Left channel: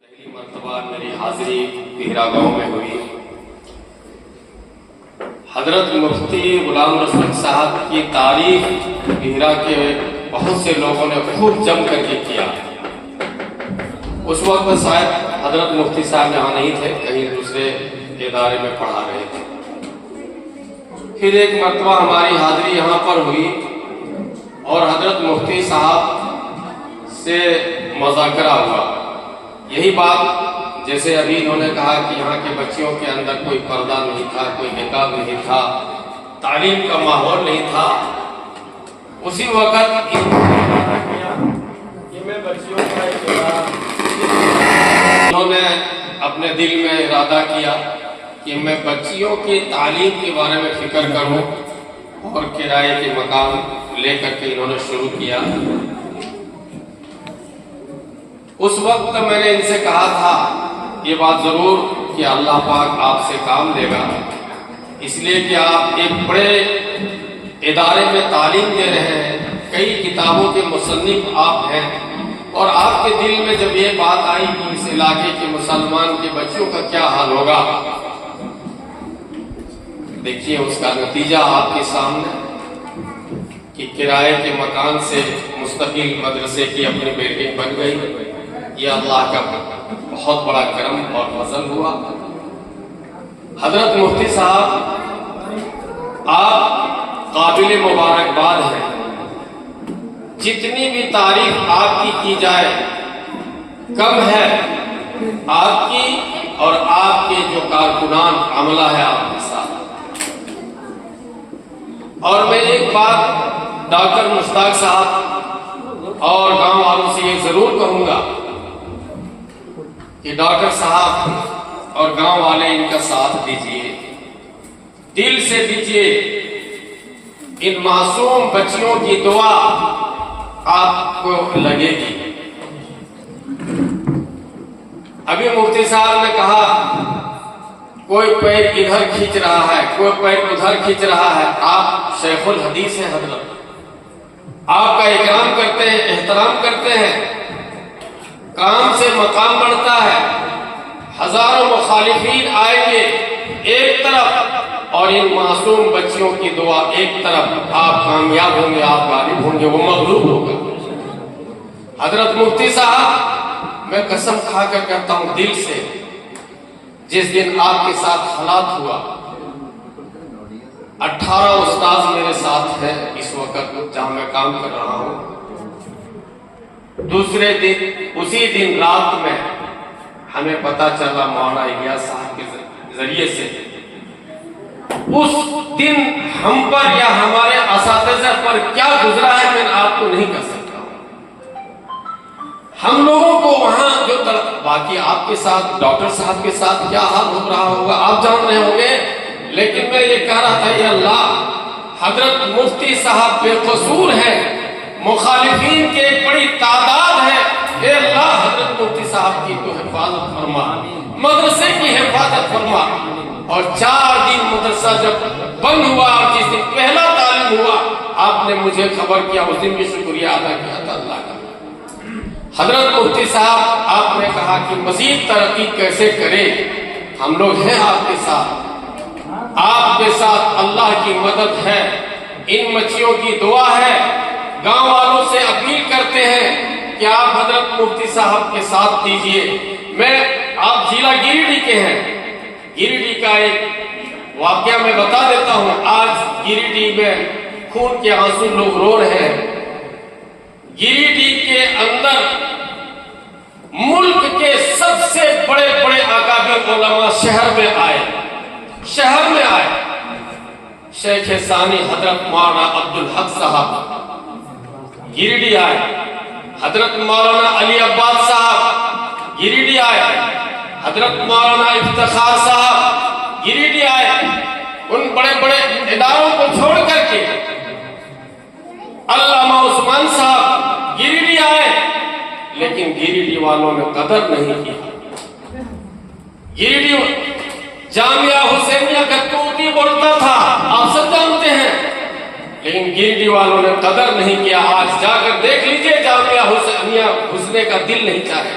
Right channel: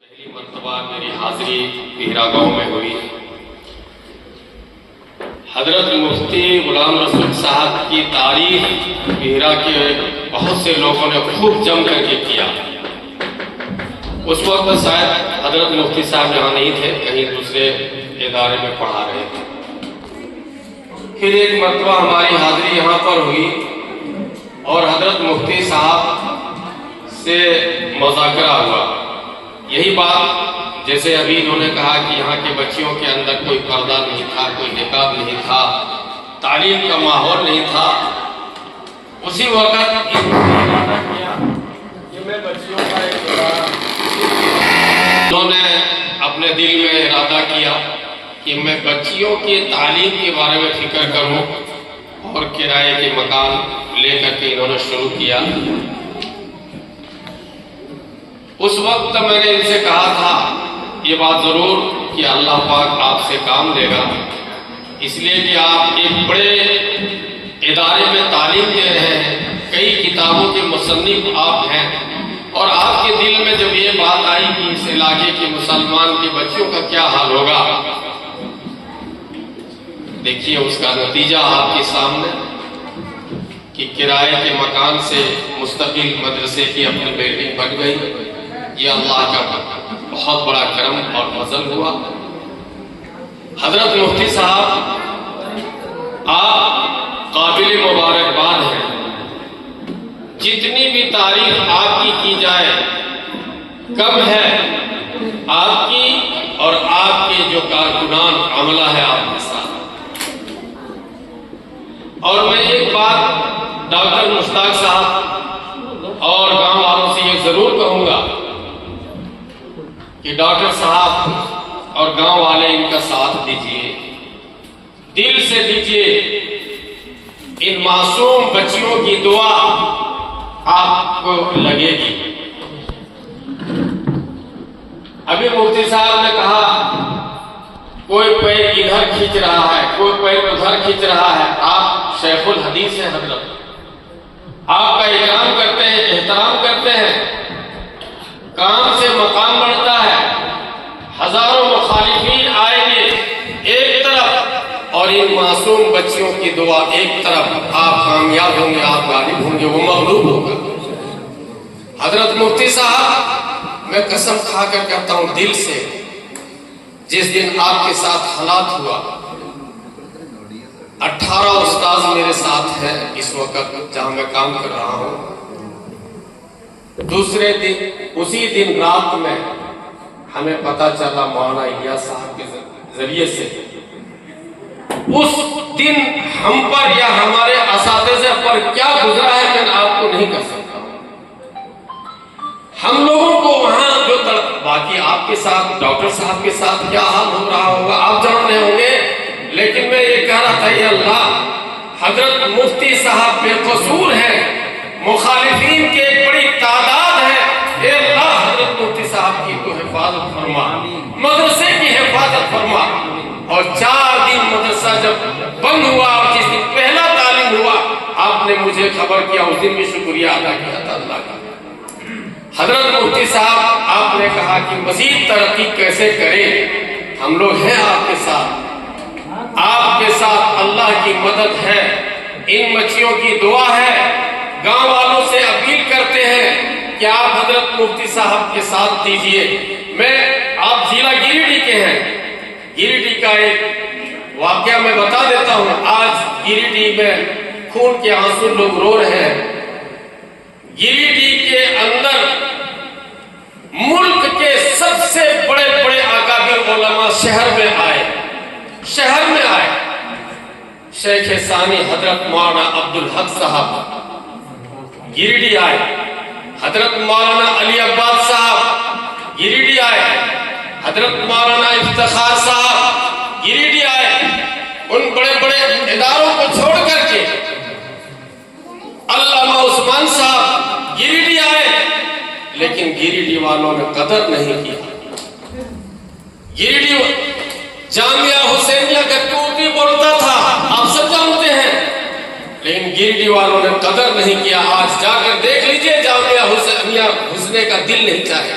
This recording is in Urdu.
پہلی مرتبہ میری حاضری بہرا گاؤں میں ہوئی۔ حضرت مفتی غلام رسول صاحب کی تعریف بہرا کے بہت سے لوگوں نے خوب جم کر کے کیا۔ اس وقت شاید حضرت مفتی صاحب یہاں نہیں تھے، کہیں دوسرے ادارے میں پڑھا رہے تھے۔ پھر ایک مرتبہ ہماری حاضری یہاں پر ہوئی اور حضرت مفتی صاحب سے مذاکرہ ہوا۔ یہی بات جیسے ابھی انہوں نے کہا کہ یہاں کی بچیوں کے اندر کوئی پردہ نہیں تھا، کوئی نقاب نہیں تھا، تعلیم کا ماحول نہیں تھا، اسی وقت میں بچیوں کا انہوں نے اپنے دل میں ارادہ کیا کہ میں بچیوں کی تعلیم کے بارے میں فکر کروں، اور کرائے کے مکان لے کر کے انہوں نے شروع کیا۔ اس وقت میں نے ان سے کہا تھا یہ بات ضرور کہ اللہ پاک آپ سے کام دے گا، اس لیے کہ آپ ایک بڑے ادارے میں تعلیم دے رہے ہیں، کئی کتابوں کے مصنف آپ ہیں، اور آپ کے دل میں جب یہ بات آئی کہ اس علاقے کے مسلمان کی بچیوں کا کیا حال ہوگا، دیکھیے اس کا نتیجہ آپ کے سامنے کہ کرائے کے مکان سے مستقل مدرسے کی اپنی بلڈنگ بن گئی۔ یہ اللہ کا بہت بڑا کرم اور فضل ہوا۔ حضرت مفتی صاحب آپ قابل مبارکباد ہیں، جتنی بھی تعریف آپ کی جائے کم ہے۔ آپ کی اور آپ کے جو کارکنان عملہ ہے آپ کے ساتھ۔ اور میں ایک بات ڈاکٹر مشتاق صاحب اور گاؤں والوں سے یہ ضرور کہوں گا کہ ڈاکٹر صاحب اور گاؤں والے ان کا ساتھ دیجئے، دل سے دیجئے۔ ان معصوم بچیوں کی دعا آپ کو لگے گی۔ ابھی مفتی صاحب نے کہا کوئی پیر ادھر کھینچ رہا ہے، کوئی پیر ادھر کھینچ رہا ہے۔ آپ شیخ الحدیث ہیں، حضرت آپ کا اکرام کرتے ہیں، احترام کرتے ہیں، کام سے مقام بڑھتا ہے۔ ہزاروں مخالفین آئیں گے ایک طرف اور ان معصوم بچیوں کی دعا ایک طرف، آپ کامیاب ہوں گے، آپ غالب ہوں گے، وہ مغلوب ہوگا۔ حضرت مفتی صاحب میں قسم کھا کر کہتا ہوں دل سے، جس دن آپ کے ساتھ حالات ہوا، 18 استاذ میرے ساتھ ہیں اس وقت جہاں میں کام کر رہا ہوں۔ دوسرے دن اسی دن رات میں ہمیں پتا چلا مولانا الیاس صاحب کے ذریعے سے، اس دن ہم پر یا ہمارے اساتذہ پر کیا گزرا ہے میں آپ کو نہیں کر سکتا ہوں۔ ہم لوگوں کو وہاں جو باقی آپ کے ساتھ ڈاکٹر صاحب کے ساتھ کیا حال ہو رہا ہوگا آپ جان رہے ہوں گے، لیکن میں یہ کہہ رہا تھا یا اللہ، حضرت مفتی صاحب بے قصور ہیں، مخالفین کی ایک بڑی تعداد ہے، اے اللہ حضرت مفتی صاحب کی تو حفاظت فرما، مدرسے کی حفاظت فرما۔ اور 4 دن مدرسہ جب بند ہوا اور جس دن پہلا تعلیم ہوا آپ نے مجھے خبر کیا، اس دن بھی شکریہ ادا کیا تھا اللہ کا۔ حضرت مفتی صاحب آپ نے کہا کہ مزید ترقی کیسے کریں، ہم لوگ ہیں آپ کے ساتھ، آپ کے ساتھ اللہ کی مدد ہے، ان بچیوں کی دعا ہے۔ گاؤں والوں سے اپیل کرتے ہیں کہ آپ حضرت مفتی صاحب کے ساتھ دیجئے۔ آپ ضلع گریڈی کے ہیں، گریڈی کا ایک واقعہ میں بتا دیتا ہوں۔ آج گریڈی میں خون کے آنسو لوگ رو رہے ہیں۔ گریڈی کے اندر ملک کے سب سے بڑے بڑے اکابر علماء شہر میں آئے۔ شیخ ثانی حضرت مولانا عبدالحق صاحب گریڈی آئے، حضرت مولانا علی عباد صاحب گریڈی آئے، حضرت مولانا افتخار صاحب گریڈی آئے۔ ان بڑے بڑے اداروں کو چھوڑ کر کے علامہ عثمان صاحب گریڈی آئے، لیکن گریڈی والوں نے قدر نہیں کی۔ گریڈی جامعہ حسینیہ گتوتی بولتا تھا، آپ سب جانتے ہیں، لیکن گریڈی والوں نے قدر نہیں کیا۔ آج جا کر دیکھ لیجئے جامعہ حسینیہ گھسنے کا دل نہیں چاہے۔